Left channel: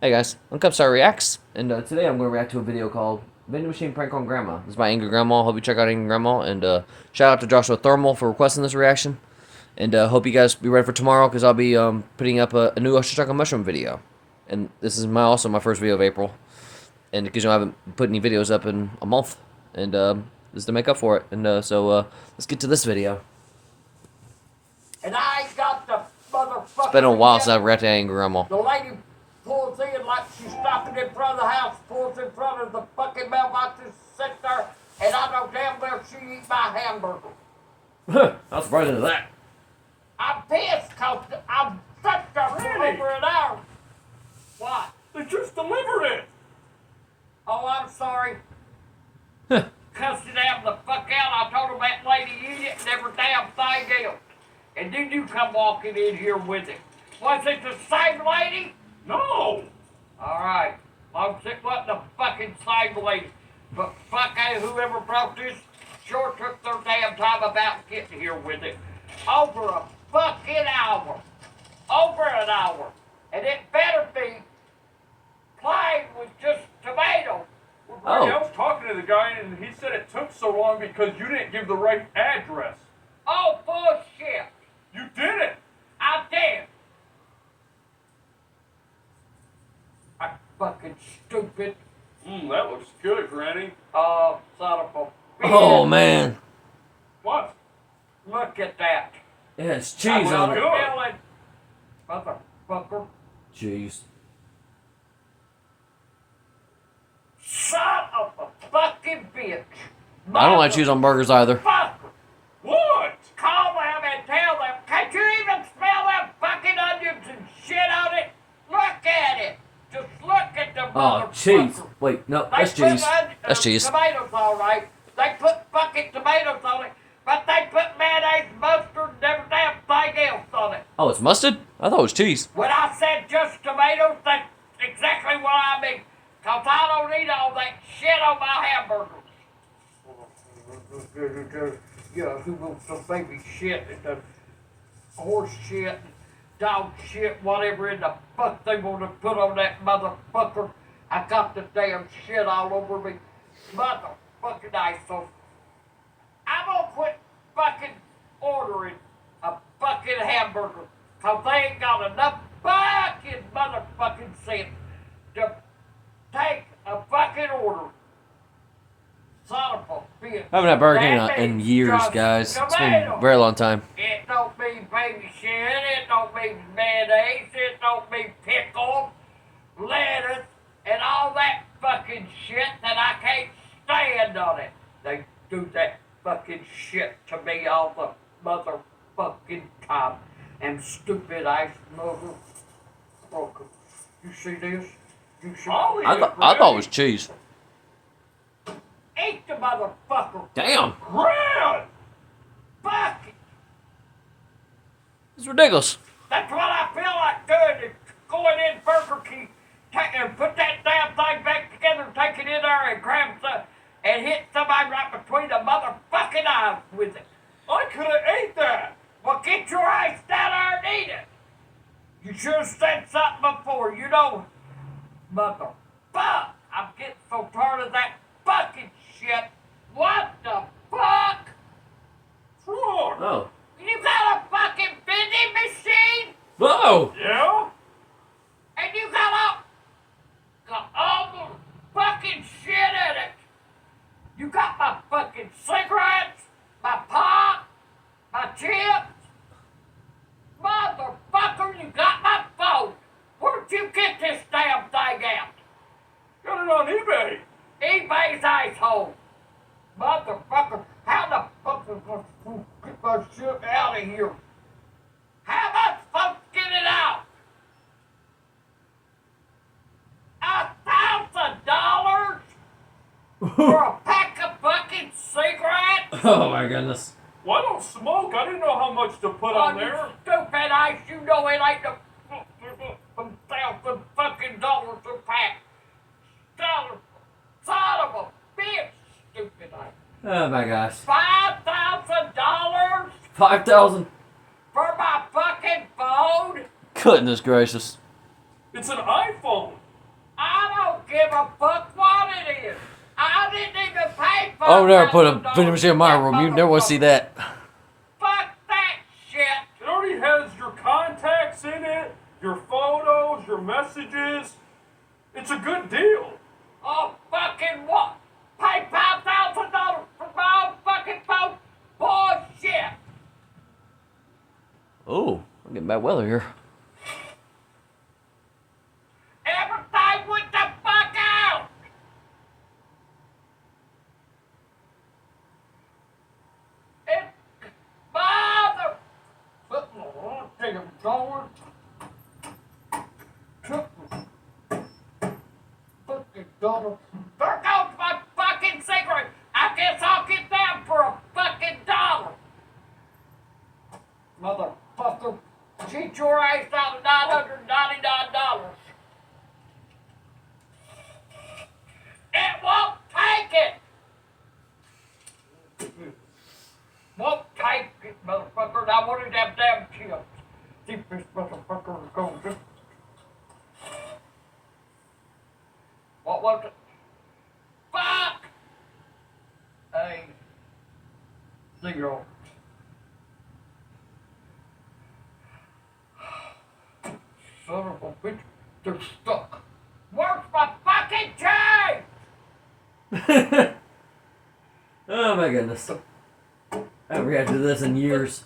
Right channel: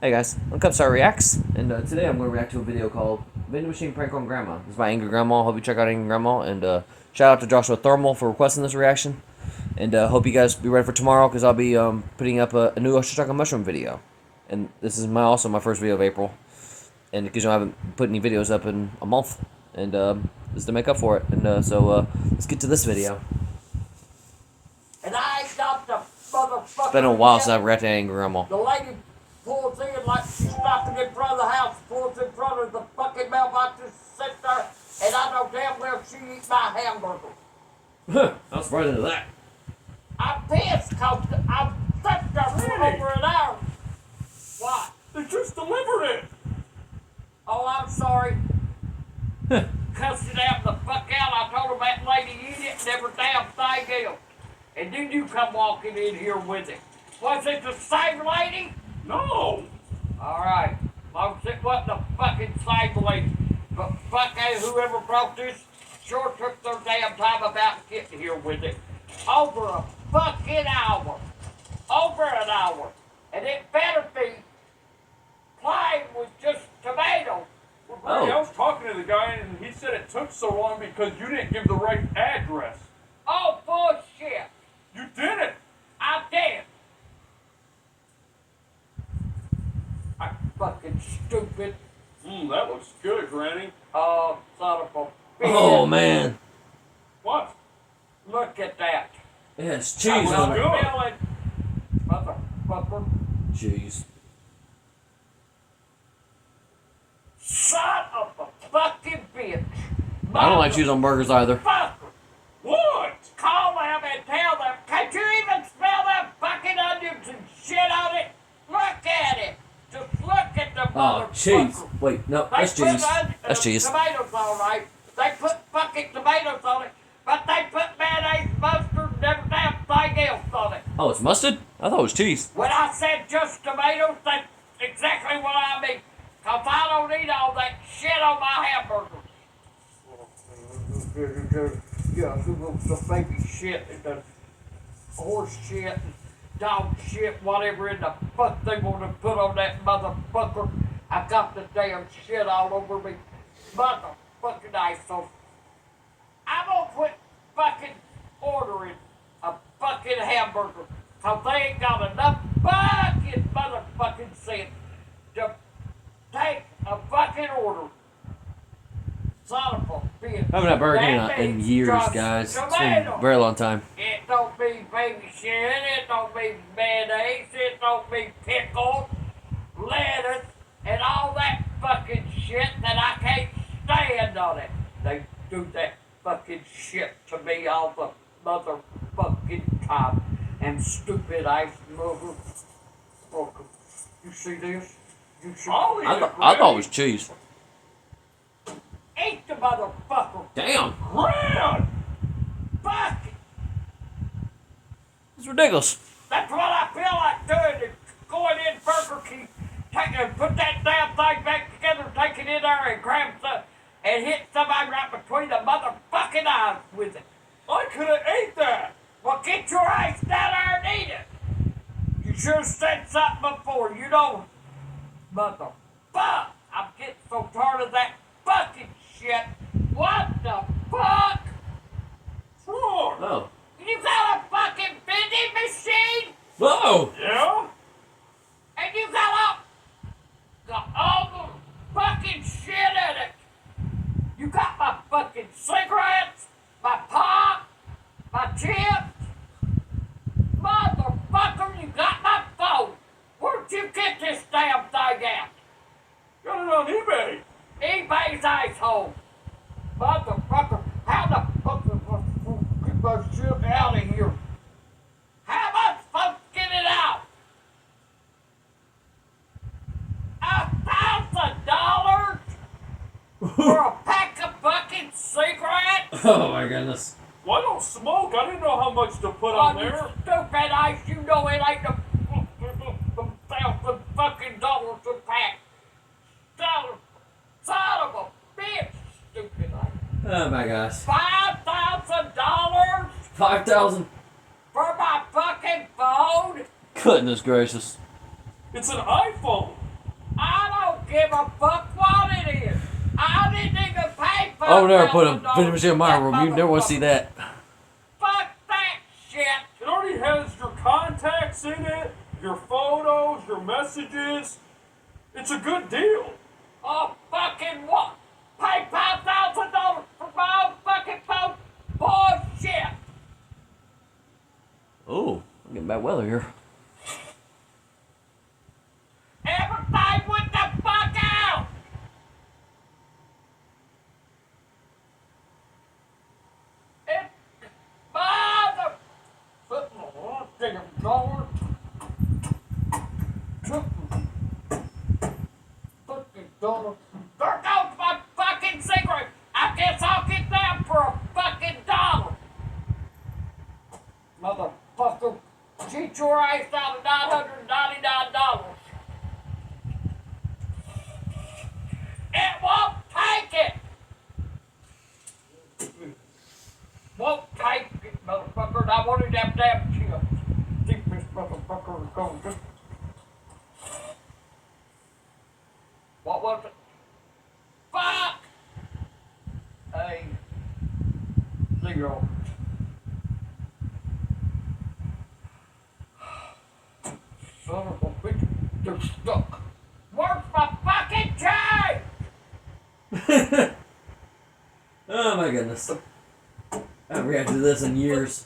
Hey guys, I'm Cupstar Reacts, and today I'm going to react to a video called Vending Machine Prank on Grandma. This is by Angry Grandma. Hope you check out Angry Grandma, and shout out to Joshua Thermal for requesting this reaction. And hope you guys be ready for tomorrow, because I'll be putting up a new Usher Chocolate Mushroom video. And this is also my first video of April, and because I haven't put any videos up in a month, and this is to make up for it. And so let's get to this video. And I ain't got the motherfucker. It's been a while since I've reacted to Angry Grandma. The lady pulls in like she's stopping in front of the house, pulls in front of the fucking mailbox and sits there, and I know damn well she eats my hamburger. I'm surprised at that. I'm pissed because I've sat there for over an hour. What? They just delivered it! Oh, I'm sorry. Cussed it out the fuck out. I told him that lady eat it and every damn thing else. And then you come walking in here with it. Was it the same lady? No! Alright. Long as it wasn't the fucking same lady. But fucking whoever brought this sure took their damn time about getting here with it. Over a fucking hour. Over an hour. And it better be plain with just tomato. I was talking to the guy and he said it took so long because you didn't give the right address. Oh, bullshit. You didn't! I did. I fucking stupid. That looks good, Granny. Son of a bitch. Oh man, What? Look at that. it has cheese That on was it. good. Motherfucker. Jeez. Son of a fucking bitch. I don't like cheese on burgers either. Motherfucker. What? Call them and tell them. Can't you even smell them fucking onions and shit on it? Look at it. Just look at the Oh, motherfucker. cheese. Wait, no, They that's put cheese. That's cheese. Tomatoes, all right. They put fucking tomatoes on it, but they put mayonnaise, mustard, and every damn thing else on it. Oh, it's mustard? I thought it was cheese. When I said just tomatoes, that's exactly what I mean. Cause I don't eat all that shit on my hamburgers. Yeah, the baby shit and the horse shit and dog shit, whatever in the fuck they want to put on that motherfucker. I got the damn shit all over me. Motherfucking asshole. I'm gonna quit fucking ordering a fucking hamburger. Cause they ain't got enough fucking motherfucking sense to take a fucking order. Son of a bitch. I haven't had Burger King That in means years, just guys. It's been tomato. a very long time. It don't mean baby shit, it don't mean mayonnaise, it don't mean pickle, lettuce, and all that fucking shit that I can't stand on it. They do that fucking shit to me all the motherfucking time. And stupid ass motherfucker. You see this? You see I'll eat I it, thought it Granny. was cheese. Eat the motherfucker. Damn, Gran! Fuck it. it's ridiculous. That's what I feel like doing, is going in Burger King, put that damn thing back together, take it in there and grab some, and hit somebody right between the motherfucking eyes with it. I could have ate that! Well, get your ass down there and eat it. You should have said something before, you know. Motherfuck, I'm getting so tired of that fucking shit. What the fuck? Wrong! Oh. You got a fucking vending machine? Whoa! Yeah? And you got all the fucking shit in it. You got my fucking cigarettes, my pop, my chips. Motherfucker, you got my phone. Where'd you get this damn thing out? Got it on eBay! eBay's asshole. Motherfucker, how the fuck am I supposed to get my shit out of here? How am I supposed to get it out? $1,000 for a pack of fucking cigarettes? Oh my goodness. Well, I don't smoke. I didn't know how much to put on Oh, you there. stupid ass, you know it ain't the $1,000 fucking dollars a pack. Son of a bitch, stupid ass. Oh my gosh. $5,000 5,000? for my fucking phone? Goodness gracious. It's an iPhone. I don't give a fuck what it is. I didn't even pay for I would never put a $1,000 vending machine in my to room. get You never want to see motherfucker. that. Fuck that shit. It already has your contacts in it, your photos, your messages. It's a good deal. Oh, fucking what? Pay $5,000 for my own fucking phone? Bullshit. Oh, I'm getting bad weather here. Everything with the fuck out. It mother. Damn Lord. Fucking dollar. There goes my fucking cigarette. I guess I'll get that for a fucking dollar. Motherfucker. Cheat your ass out of $999. It won't take it. Won't take it, motherfucker. And I wanted them damn chips. Keep this motherfucker going. What was it? Fuck! A 0. Son of a bitch, they're stuck. Where's my fucking chain? Oh my goodness. I haven't reacted to this in years.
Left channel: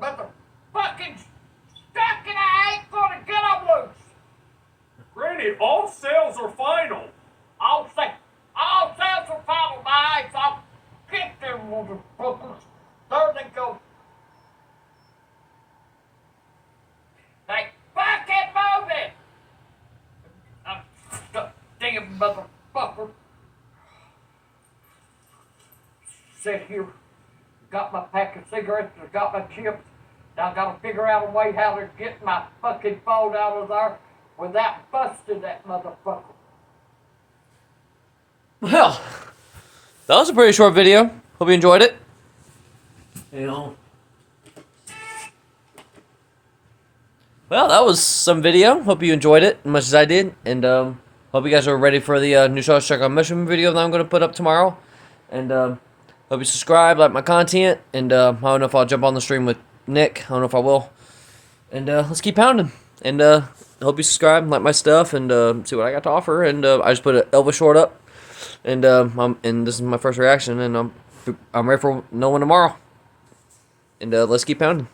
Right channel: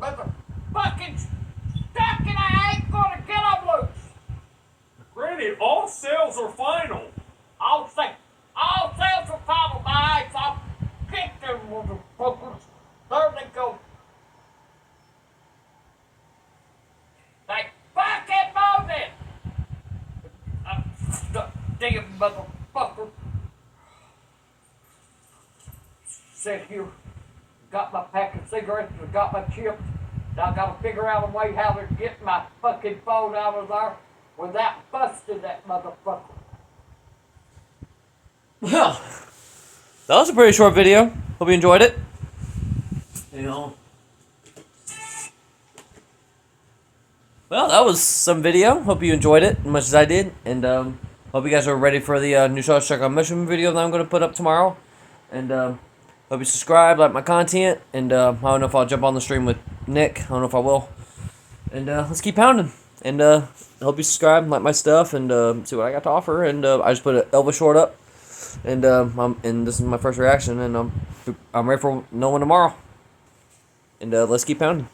Motherfucking stuck and I ain't gonna get them loose. Randy, all sales are final. All sales are final, my eyes. I'll get them motherfuckers. There they go. They fucking move it. I'm stuck, damn motherfucker. Sit here, got my pack of cigarettes, I got my chips. Now I gotta figure out a way how to get my fucking phone out of there without busting that motherfucker. Well, that was a pretty short video. Hope you enjoyed it. You know. Well, that was some video. Hope you enjoyed it as much as I did. And hope you guys are ready for the new Star Trek on Mission video that I'm going to put up tomorrow. And hope you subscribe, like my content. And I don't know if I'll jump on the stream with Nick. I don't know if I will. And let's keep pounding. And hope you subscribe, like my stuff, and see what I got to offer. And I just put an Elvis short up. And and this is my first reaction. And I'm ready for no one tomorrow. And let's keep pounding.